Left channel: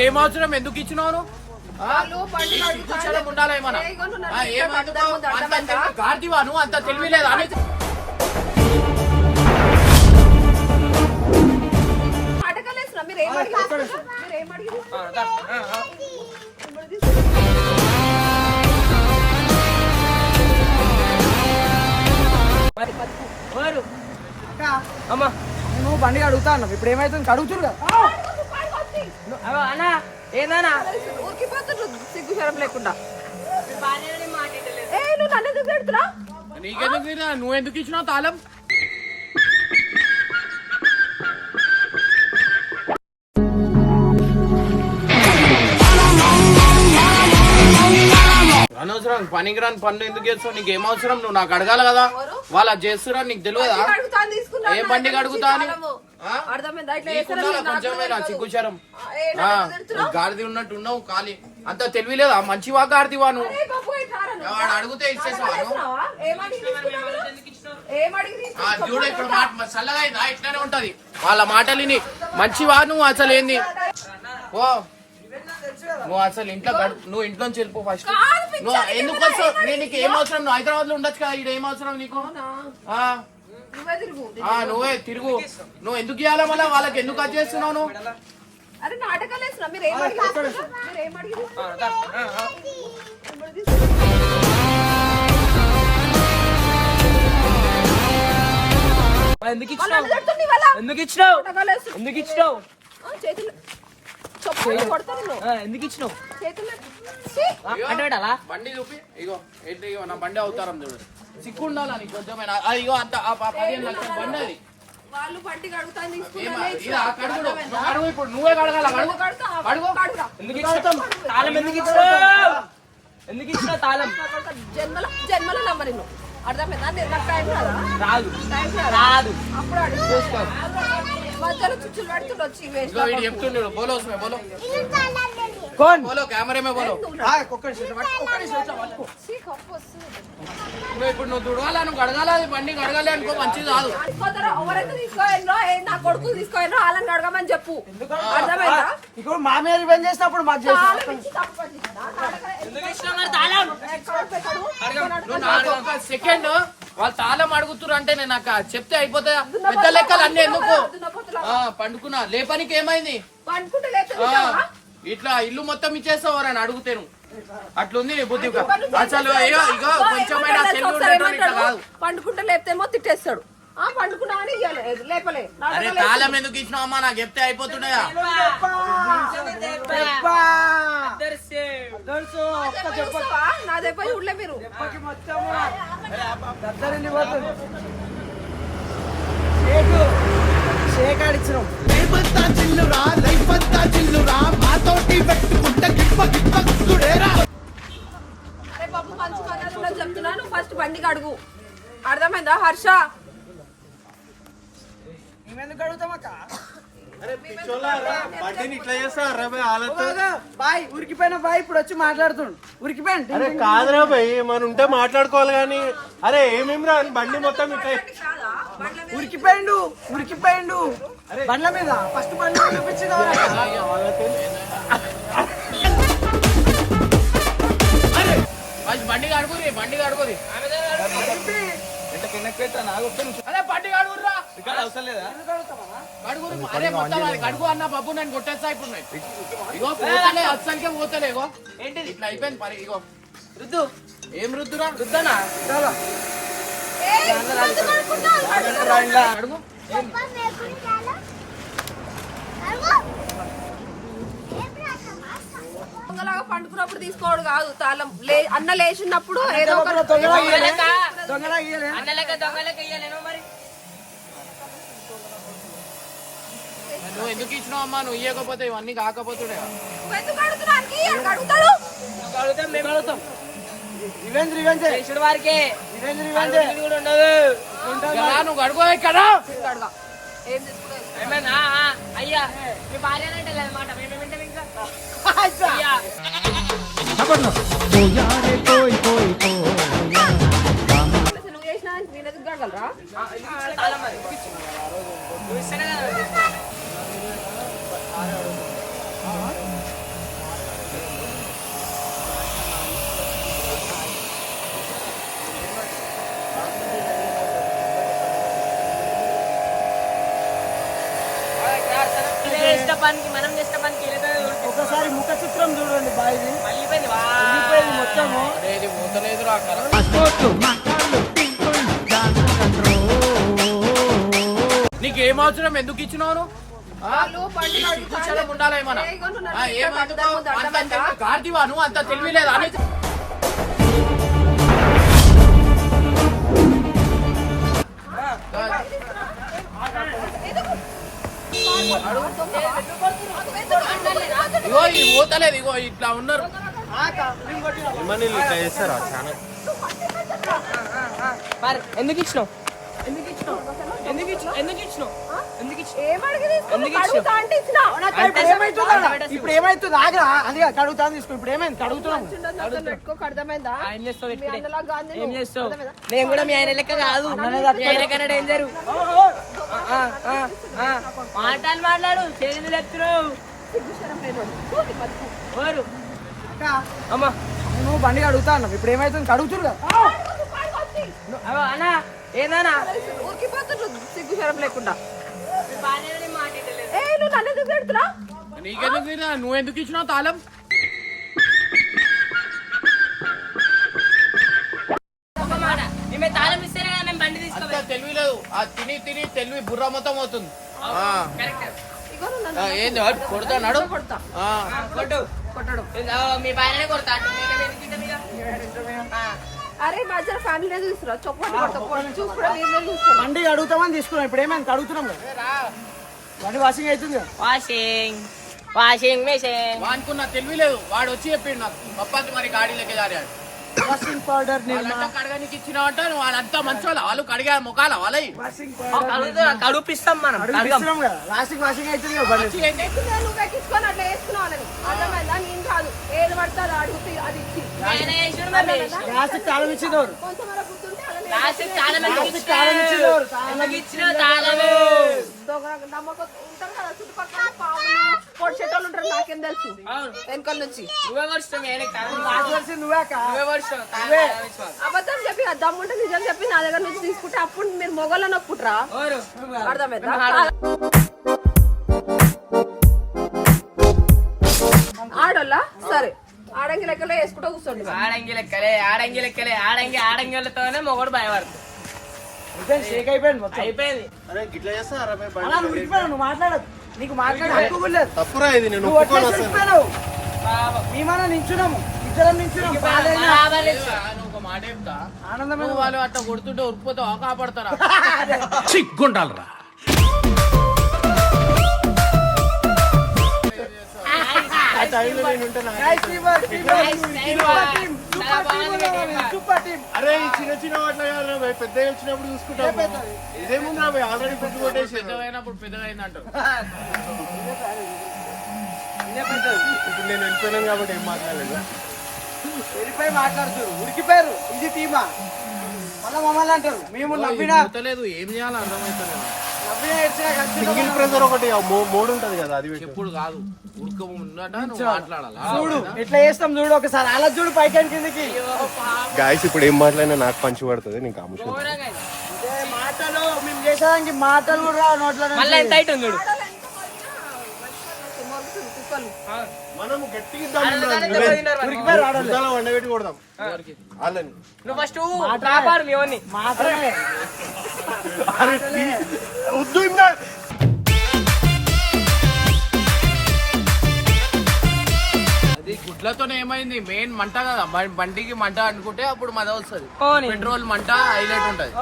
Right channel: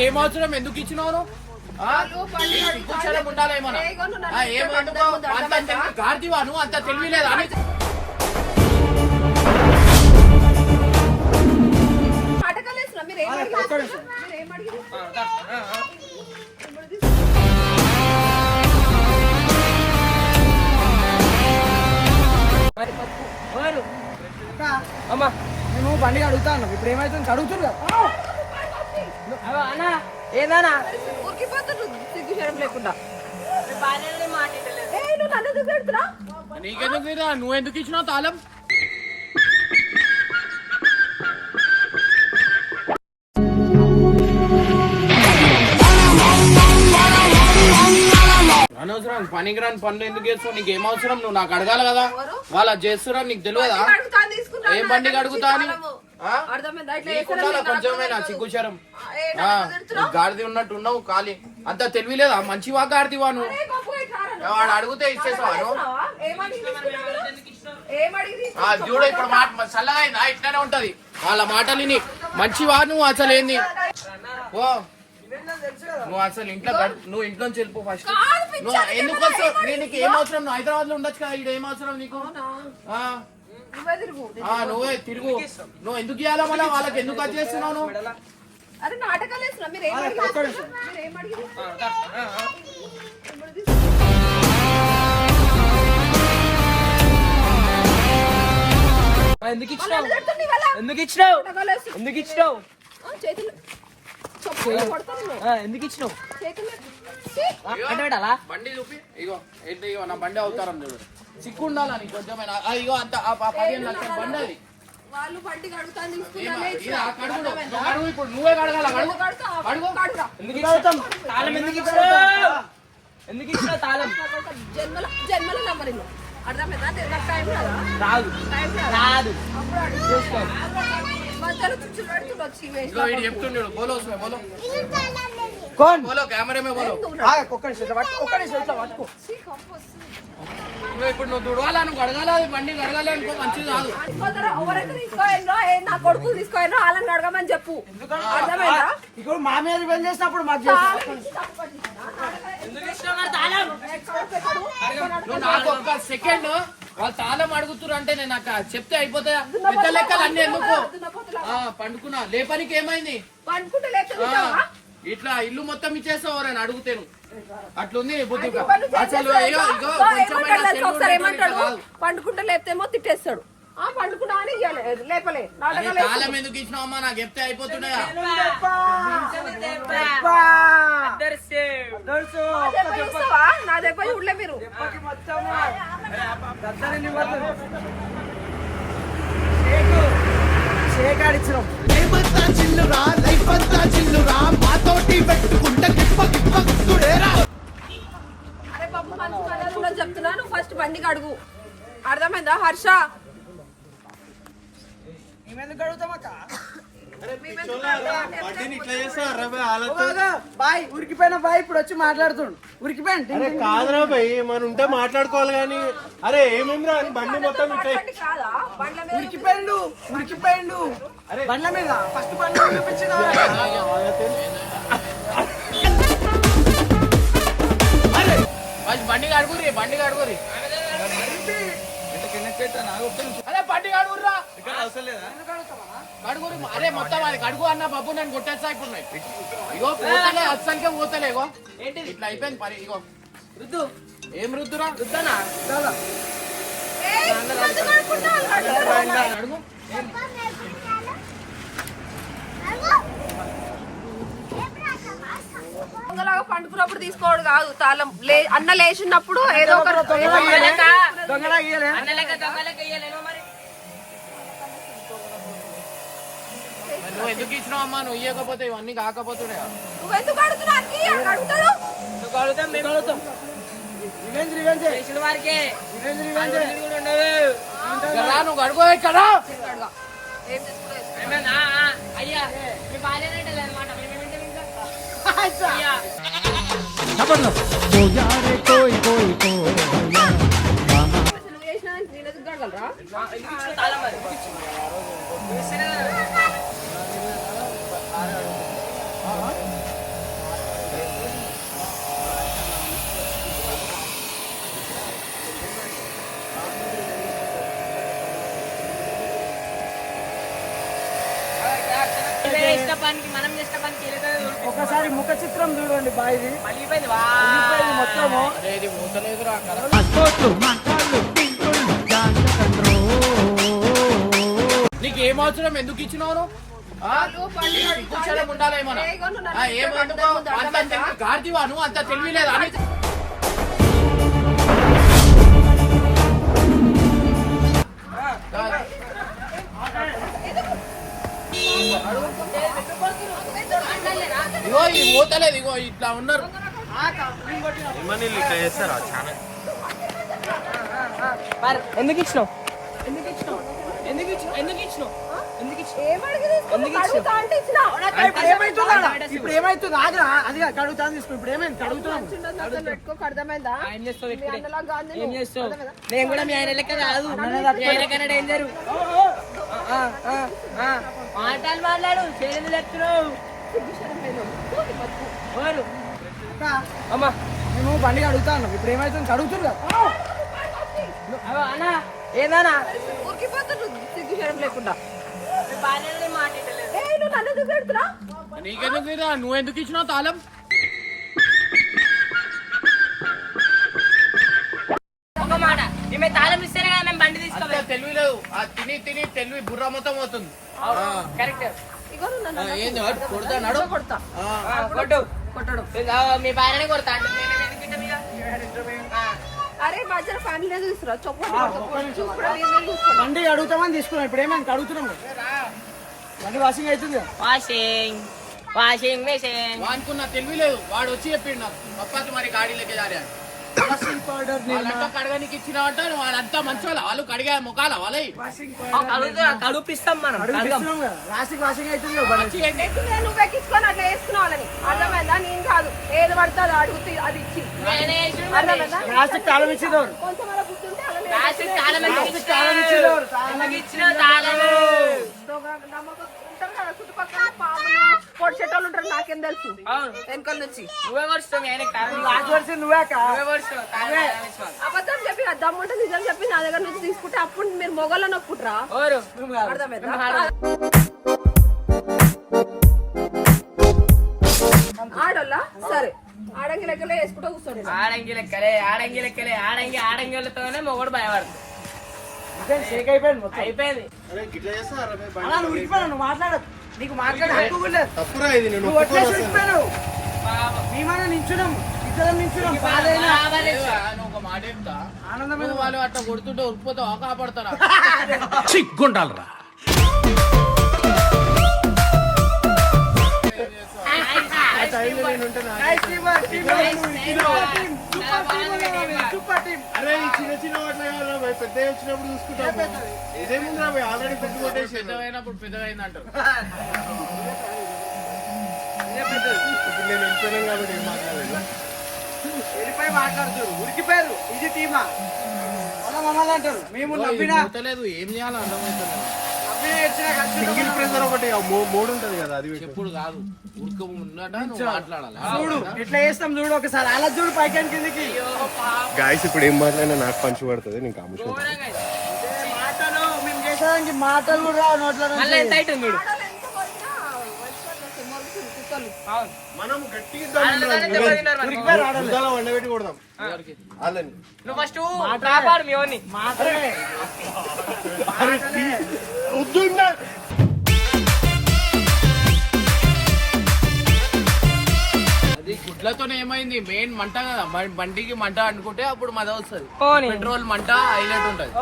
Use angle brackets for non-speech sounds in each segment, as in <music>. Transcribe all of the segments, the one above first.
ఏం అవసరం ఎందుకు ఇచ్చినావు నువ్వు? నువ్వు అందుకో? పట్టుకొని అంత? తెలివి నువ్వు లేదా అని అమ్మా. నేను బండి అడుగుతా అన్నావు ఇప్పుడు ఏమైతుంది అడుగుతురు కదా. అన్న ఏందన్నా? సిగ్గు శరం లేకుండా ఏ, నువ్వు నన్ను ఎందుకు పెడుతున్నావు నీకెందుకు తీరా? నువ్వు ఎందుకు ఇచ్చినావు తాళం? అనవసరం పనికిరాని పనులు ఎందుకు చేస్తావు నీకు ఏం అవసరం నువ్వు నాకు అడగాలి కదా. వాళ్ళు చేస్తురా నీకు తెలియదా. ఏం బండికి అడుగుతా ఇట్లా కొంచెమైనా సిగ్గుచరం? గాడిది ఉన్నట్టు ఉన్నావు ఖాళీ. అంత తెలివిలేదా మంచివా గాడిదివా నువ్వు? వాడు అడిగితే తీసుకున్నావు? చూడు ఇప్పుడు మాట చల్లగా అయిందా? ఇట్లానే ఉంటది. వాళ్ళ మాటలు విని. మంచివా నువ్వు అసలు ఏంది? ఓ. నువ్వు అసలు ఇంట్లో నువ్వు ఇంట్లోంచి వెళ్ళిపో ఫస్ట్ నువ్వు ఎందుకు వస్తావు? నేను నీకు ఏం అవసరం? నువ్వు హైదరాబాద్లో ఉండొచ్చు కదా ఇక్కడ ఏం అవసరం నీకు? నువ్వే తిరుగు. నువ్వే ఎందుకు ఇవ్వాలా మళ్ళీ? వాళ్ళకి ఎందుకు అది చేస్తున్నావు అరే నాటకాలు మీరు ఏం అడిగారు? మీరు ఏం అడిగారు? ఎందుకు ఇచ్చినావు. ఎందుకు ఇచ్చినావు. ఎందుకు ఇచ్చినావు? ఆ, చేతులు. ఎందుకు ఇచ్చినావు? అంటే పెట్టాలా బండి చూపి ఇగో ఏంటి ఇగో నా బండి అవుతారం చూడు. సిక్కు ఉండాలా నీకు కొంచెమైనా? ఇగో అంత పదిహేను లక్షల బండి అది. వాళ్ళు బండి కడుగుతాను ఇప్పుడు. నువ్వే కడగాల? ఎందుకు తాళం ఎందుకు ఎందుకు తాళం? జన్మల జన్మల అర్థమైందా? నాకు టైం రాదా. రాదు. అప్పుడు చూసుకో. నువ్వు ఇప్పుడు నువ్వు దుడవాలా నువ్వు అది బండి కడగాలి అనుకో మంచిది కాదు. అనుకోతారో ఎవరైతే నా కొడుకు తీసుకోయినో వాళ్ళని అడగమని చెప్పు. అర్థమైందా? ఇప్పుడు మా మీద రివెంజ్ చేసినప్పుడు మాకు సెకండ్ వాళ్ళు తాళం అడుగుతురు అంటే నేను నాకు చెప్తే అయిపోతాయా? పెద్ద లెక్కలు అన్ని ఎందుకు? పండుకున్నా. లేపనికి ఏమైంది? పండుకుంటే? ఇట్లా ఇల్లు మొత్తం ఇచ్చేస్తావు అని అడుగుతాను. అట్లుంది బుద్ధి అసలు. పండుకుంటే లేపుతేమో తిట్టేస్తాడు. ఆ పండుకున్నా అని ఇయ్యాలి. లేపలే. తాళం ఎందుకు ఇచ్చినావు అమ్మా? నాకు చెప్తే వేస్తావా? నా దెబ్బ చూడలే మీరు? చిల్లురా లైఫ్ అంతా చిల్లురా మాతోటి పెట్టుకుంటే గిప్ప గిప్ప గుడేరా అరే బాబు మంచి మర్యాదలో చెప్తున్నాను ఫస్ట్ బండికి అడుగు. అర్థమైందా హర్ష? మేమెందుకు బాయ్ ఉరికిపోయిన బాయ్ ఇప్పుడు వచ్చి మాట్లాడుతుండు. ఉరికిపోయాను కాదురా భయ్ మనం ఉంటే మాట్లాడుకోవాలి కానీ అరే ఏమేమి రా అని బండి మొత్తం ఇట్లా ఉరికిపోయిండు ఉరికిపోయిండు బండ్ల మీద. ఫస్ట్ బండ్ల బండి అడుగురి బండి అడుగురి అరే బండి అడుగురా కడుగురి అరే మొత్తం అది కడుగు అన్న బాబు నేను కొట్టేస్తా ఇప్పుడు. ఇగో పోతలే అస్సలకే పోతలే ఇగో. ఏంటి ఇట్లా అయిపోయింది పని ఇగో. రుద్దు ఏం రుద్దురా రుద్దనా పండుకున్నప్పుడు తీసుకోవడం కాదు తాళం. లే అన్న లేచినప్పుడు ఏదో ఒక నువ్వు ఎందుకు ఇచ్చినావు అమ్మా? నువ్వు ఇవ్వకపోతే ఇవన్నీ కాకపోతుండే. నువ్వు. అడుగుతాం మేము అడుగుతాం రివెంజ్ రివెంజ్ వారికి. నువ్వు అడుగు ఇక్కడ? అయ్యా మీ లేదన్నమాట నువ్వు చేసినా నేను అడగలరా పనికి మనం చేసిన పనికి ఒకసారి ముఖ చిత్రం చూడండి బాయ్ది. పగిలిపోయింది మొత్తము. అరే ఇది పోతలేదు నీకు ఏం అవసరం ఎందుకు ఇచ్చినావు ఉండాలా ఇగో నువ్వు అంత? తెలివి- గాడిదివా నువ్వు అంత తెలివి లేదా? అని ఇగో ఇది పోతలేదు ఇగో ఇట్లా ఉన్నారు. ఎందుకు ఇచ్చినావు? ఎందుకు ఇచ్చినావు? ఎందుకు ఇచ్చినావు ఎందుకు ఇచ్చినావు? ఎందుకు ఇచ్చినావు? ఏం అడిగి తీసుకున్నావు? కడుగుతా అంటే ఇచ్చినా. ఇప్పుడు ఏమైతుంది? ఆగరా. అది కడుగుతా తీసుకో. ఇప్పుడు ఏమైంది? కడుగుతున్నాం చిన్నది అసలు పెట్టుకోకు, అర్థమైందా? ఏం చేస్తావు? మీ ఇక్కడే? అన్నలా కాదు నేను. కూడా మీ ఆయన లెక్క కాదు. డేంజర్ మాటలు మాట్లాడు. చేతులు. ఎవరు? అమ్మా. మేము బండి అడుగుతా ఉన్నాం. ఇప్పుడు ఏమైతుంది? కడుగుతురు కదా. అన్నా. ఏందన్నా? చూడు, సిగ్గుశరం లేకుండా. నువ్వు నన్ను ఎందుకు పెడుతున్నావు? నీకెందుకు? నువ్వు ఎందుకు ఇచ్చినావు తాళం? ఒక మాట. మేము తాళం ఇస్తేనే కదా మేము బండి అంత తెలివి లేదు. ఆ తిని తిని తెలివి బుర్ర మొత్తం అవుతుంది ఆ. ఇగో నువ్వు నన్ను ఆ, అన్నకు ఏంది? వాడు కొడతా నడు. కొడతా. ఆ. కొట్టడు. మీ పైననే కొడతా. అరే ఫ్యామిలీ చూస్తురా చూస్తురా బండి అడుగుతామని తీసుకున్నాం. ఇప్పుడు ఏమైంది కడుగుతున్నాం కదా. బండి వాషింగ్ అవుతుంది వాషింగ్ వాషింగ్ మెషిన్. వానుకున్న తెలివి లేదు. వాడు వచ్చి చెప్పిండు నాకు. పప్పాకి మరి గాడి లెక్క జారాడు వాషింగ్ పౌడర్ కడగనికి వాళ్ళు కడిగా ముఖాల వాళ్ళయి. కడుపిస్తాం మనం. వాషింగ్. వచ్చి ఏంటి? నువ్వు ఎక్కించుకొని అట్లా అర్థమైందా? నేను కాదు. ఏది పడితే అది అడుగుతే అది ఇచ్చి. తాళం ఉంటారు కదా చుట్టుపక్కల పాములు పొడిచేటోళ్ళు ఉంటారు నాకేం తెలుసు వెనకాల నుంచి నువ్వే అబద్ధం చెప్పి ఆ దమ్ముంటే నిజం చెప్పి నా దగ్గర నుంచి తీసుకుంటే అప్పుడు మీరు మొగల్లో నొక్కుంటారా అర్థమైందా ఆడోళ్ళ? సరే. ఆడంగి లెక్కలో వేసుకుంటూ కూర్చోండి ఆడంగి లెక్కలే ఆడంగి లెక్కలే ఆడంగి ఆడంగిలతోనే మొగడు భయపడుతుంది. అయిపోయింది, మాట్లాడదు. నీకు మాట్లాడే. తప్పురా ఇది నేను. మేమన్నా నించున్నాము ఇద్దరం ఒక మాట చెప్తా. వాళ్ళు అట్లా కొడుతుంటే ఉరిపోతావా కాపాడతారా సిగ్గుండాలరా <laughs> అరే ఈ చిన్న చిన్న వాటిలో కాదు పెద్ద వచ్చినప్పుడు చూసుకుంటాం ఆల్రెడీ పెద్ద కొట్టేసి పెద్దగైనప్పుడు పెద్దగైంది అంటారు ఇప్పుడు నేను వెళ్ళిపోయాను కాబట్టి ఏం మాట్లాడలేదు. వెళ్ళిపోయి మాట్లాడుతారు ఉరికిపోయారు. ఇది టీమా? మళ్ళా మమ్మల్ని అంటారు. మేము నవ్వినా ఏం చేయాలో కలిసి సింగిల్ ప్రెజర్ ఒకటి మోడ్ ఉంటది కదా అది. ఎప్పుడు కాదు. ఉడక ఉన్నట నువ్వు మాట్లాడాలి? చూడు? ఎట్లా చేస్తాం చూడు ఒకసారి. అలా చూడు పైకి కిందికి. గాయస్ ఇప్పుడు ఏం మాట్లాడినా నాకు పంచి పడుతుంది నేను కాముషం మాటలు మేము చేసేదానికి మాటలు కూడా నోట్ల. మళ్ళీ ఎంత అవుతుంది చూడు? మనం గట్టిగా revenge. బురదలో వండబెట్టి కొడదాం? వాళ్ళని. వద్దు అది గుడ్లతోనే ఏమైంది? మెయిన్ మంట కదా. బండికి మంట అనుకుంటే అప్పుడు మద వస్తుంది. పెట్రోల్ మంట హైలైట్ ఉంటది.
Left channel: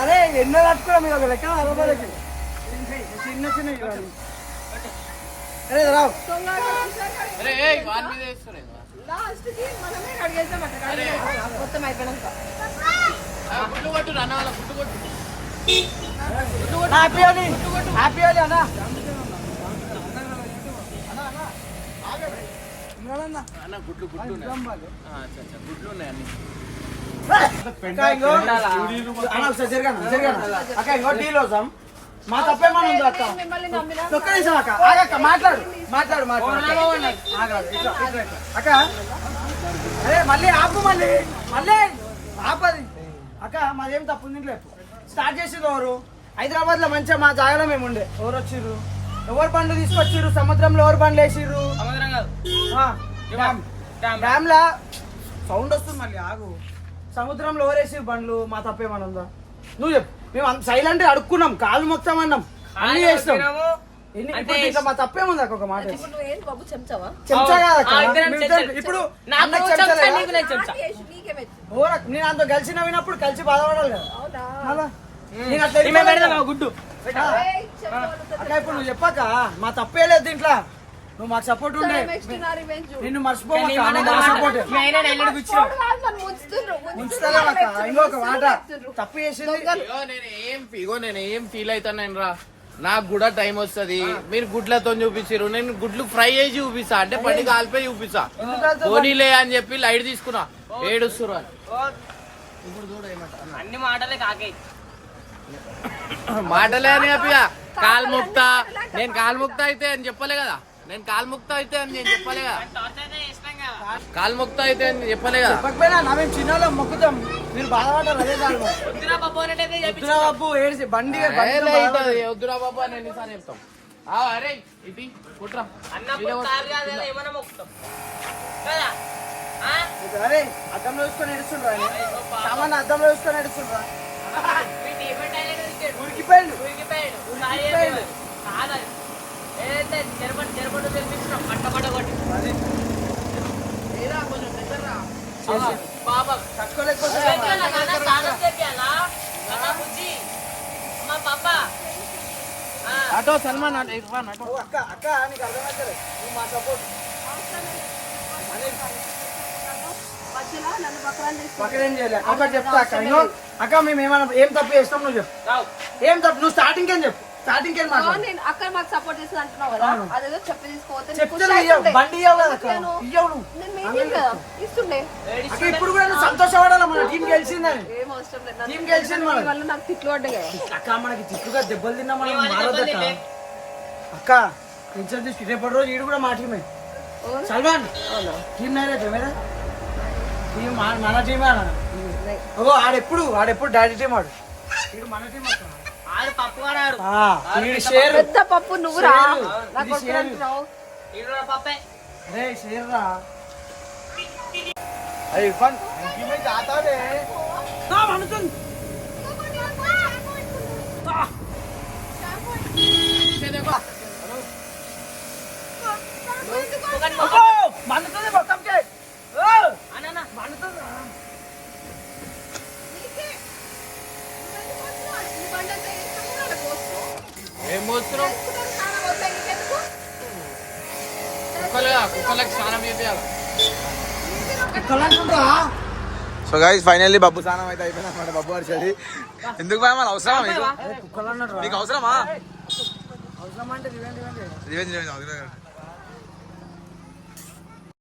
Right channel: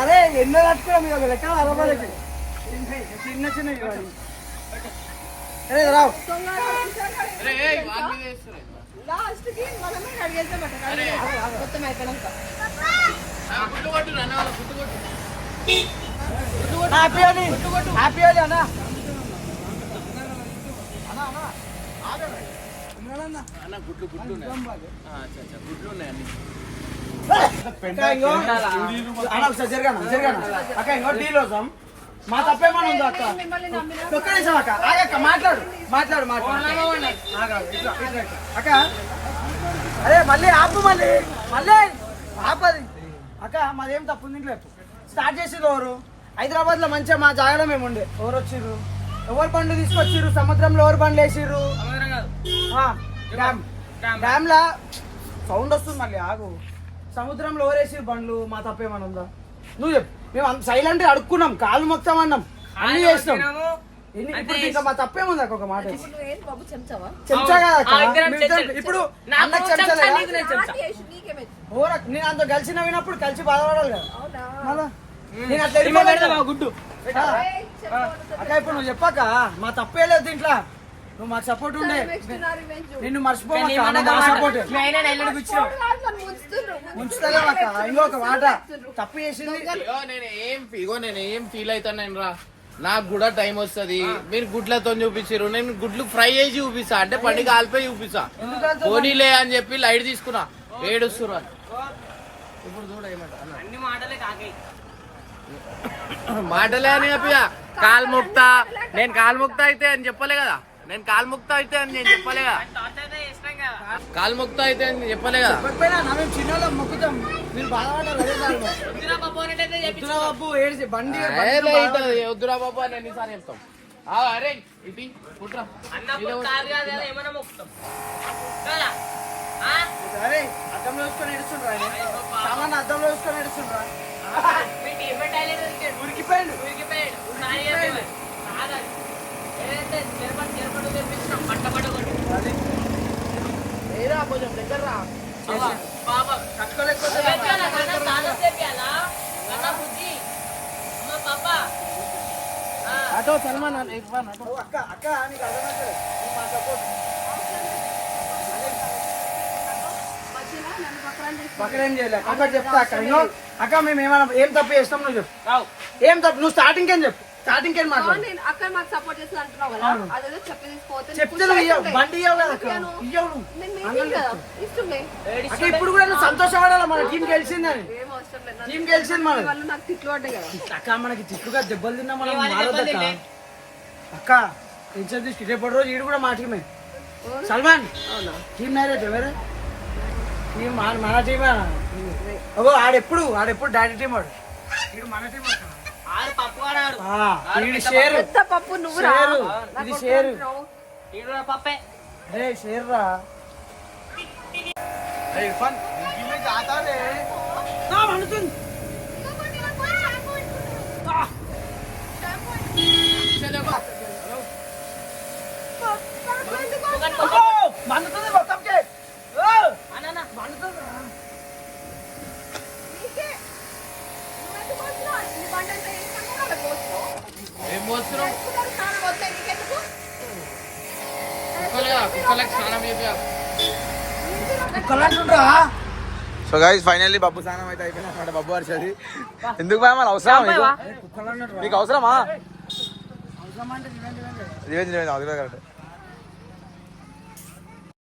అరే ఎన్నో తట్టుకోవడం ఇక లెక్క అరవైకి చిన్న చిన్న ఇవ్వాలి. అరే రావు అరే, ఏయ్, వాళ్ళ మీద వేస్తారు ఇంకా. లాస్ట్కి మనమే కడిగేసామట కడిగేసాం మొత్తం అయిపోయినాక. హ్యాపీ అని హ్యాపీ అని అన్న. అన్న గుడ్లు గుడ్లు ఉన్నాయి. ఆ, అచ్చా, అచ్చా, గుడ్లు ఉన్నాయి అన్ని. అక్క ఇంకో డీల్ మా తప్పేమన్నా ఉందా అక్క? మిమ్మల్ని నమ్మినా? ఒక్క నిమిషం అక్క. ఆగక్క మాట్లాడు. మాట్లాడు మాట్లాడు. అక్క అరే మళ్ళీ ఆపు మళ్ళీ. మళ్ళీ. ఆపది. అక్క మాదేం తప్పు ఉంది? ఇంట్లో స్టార్ట్ చేసేది ఎవరు? హైదరాబాద్లో మంచిగా మా జాగాలో మేము ఉండే. ఎవరు వచ్చిర్రు? ఎవరు బండ్లు తీసుకొచ్చిర్రు? సముద్రంలో ఎవరు బండ్లు వేసిర్రు? సముద్రం కాదు. ఆ, డ్యామ్. డ్యామ్. లా సౌండ్ వస్తుంది మళ్ళీ ఆగు. సముద్రంలో ఎవరేసిర్రు బండ్లు మా తప్పేమని ఉందా? నువ్వు చెప్పు. మేము సైలెంట్ అడుక్కున్నాం కాలు మొత్తం అన్నాం. అన్ని చేసినాం. ఎన్ని- ఇప్పుడు ఇంకా మా తప్పేముంది అక్క ఒక మాట ఇప్పుడు నువ్వు ఏంటి బాబు చెంచావా? చెంచా కదా అక్క? ఆ, ఇద్దరం మేము ఇద్దరం- చెంచాలు. ఇప్పుడు నాకు చెంచా, నేను అంత కలిసి నవ్వినప్పుడు కలిసి బాధపడాలి కదా. నేను అట్లా గుడ్డు. ఇప్పుడు నువ్వు చెప్పాక మా తప్పే లేదు దీంట్లో. నువ్వు మాకు సపోర్ట్ ఉండే. నిన్ను ఇంకొక తప్పు చేసింది. ఇగో నేను ఏం ఇగో నేను ఏం ఫీల్ అవుతాను రా. నాకు కూడా టైం వస్తది. మీరు గుడ్లతో చూపించారు నేను గుడ్లు ఫ్రై చేసి చూపిస్తా. అంటే పండి కాలిపోయి చూపిస్తా. పోనీలే అని చెప్పి లైట్ తీసుకున్నా. ఏడుస్తురు అని ఇప్పుడు చూడ ఏమంట. అన్ని. మాటలే కాకే. మాటలే అని చెప్పి కాలు ముక్తా. నేను కాలు ముక్తా అయితే అని చెప్పలే కదా. నేను కాలు ముక్తా అయితే అని నేను చెప్పలే కదా టార్చర్ చేసినాం కదా కాలు ముక్తా అయితే అని చెప్పలే కదా చెప్పకపోయినా నా మేము చిన్నోళ్ళం మొక్కుతాం. మీరు బాధపడ్డారు అదే చాలు మరి. వద్దురా బాబు అనేటైతే చెప్పి వద్దురా బాబు ఏడిసి బండి వద్దురా బాబు అని ఎన్నిసార్లు చెప్తాం? అరే ఇటీ కుట్రా అర్థం చేసుకొని ఎడుచుండ్రా సామాన్ అర్థం చేసుకొని ఉరికిపోయింది ఉరికిపోయాడు. సాయి చెప్పేవాడు. కాదు. ఏదైతే నిలబడి నిలబడి తెప్పించినాం. పట్ట పట్ట కొట్టి. అది బాబా, చెప్పాలా? నాన్న చాలా చెప్పాలా? నాన్న బుజ్జి. అమ్మ పాప. అటో సల్మాన్ అటు ఇర్ఫాన్ అటో అక్క అర్థమవుతుంది మా పక్కన చేయలే? అక్క చెప్తా అక్క. అక్క మేము ఏమైనా ఏం తప్పు చేస్తాం నువ్వు చెప్పు. ఏం తప్పు? నువ్వు స్టార్టింగ్ ఏం చెప్పు? స్టార్టింగ్ ఏం మాట్లాడు? నేను అక్కడ మాకు సపోర్ట్ చేస్తుంది అంటున్నావు కదా. అదేదో చెప్పి తీసుకోవచ్చు చెప్తే బండి ఇయ్యవు కదా అక్క ఇయ్యవు నువ్వు. ఇస్తుండే. అక్క ఇప్పుడు కూడా నువ్వు సంతోషపడాలి? మన టీం గెలిచిందని టీం గెలిచింది మనం నాకు తిట్లు పడ్డాయి కదా. అక్క మనకి తిట్టుగా దెబ్బలు తిన్నా మనం దెబ్బలు అక్క. టెన్షన్ తీసి రేపటి రోజు ఈడు కూడా మా టీమే సల్మాన్ టీం వేరే టీం మన టీమే అగో ఆడెప్పుడు ఆడెప్పుడు డాడీ టీం ఆడు. మన టీం అక్క. ఆడు పప్పు వాడాడు ఆ, ఈడు షేర్ పెద్ద పప్పు నువ్వు రా షేరు. నాకు ఇది వద్దు షేరు. అంటున్నావు. ఈడు పప్పే రే షేర్ రా అరే ఇర్ఫాన్ మండుతుంది మొత్తంకే ఓ! అన్న మండుతుంది రా. ఏం పోస్తున్నావు సో గైస్ ఫైనల్లీ బబ్బు స్నానం అయితే అయిపోయింది అనమాట బబ్బు హర్షది ఎందుకు భయ మరి అవసరమా మీకు? అవసరమా? అవసరం అది కూడా కరెక్ట్.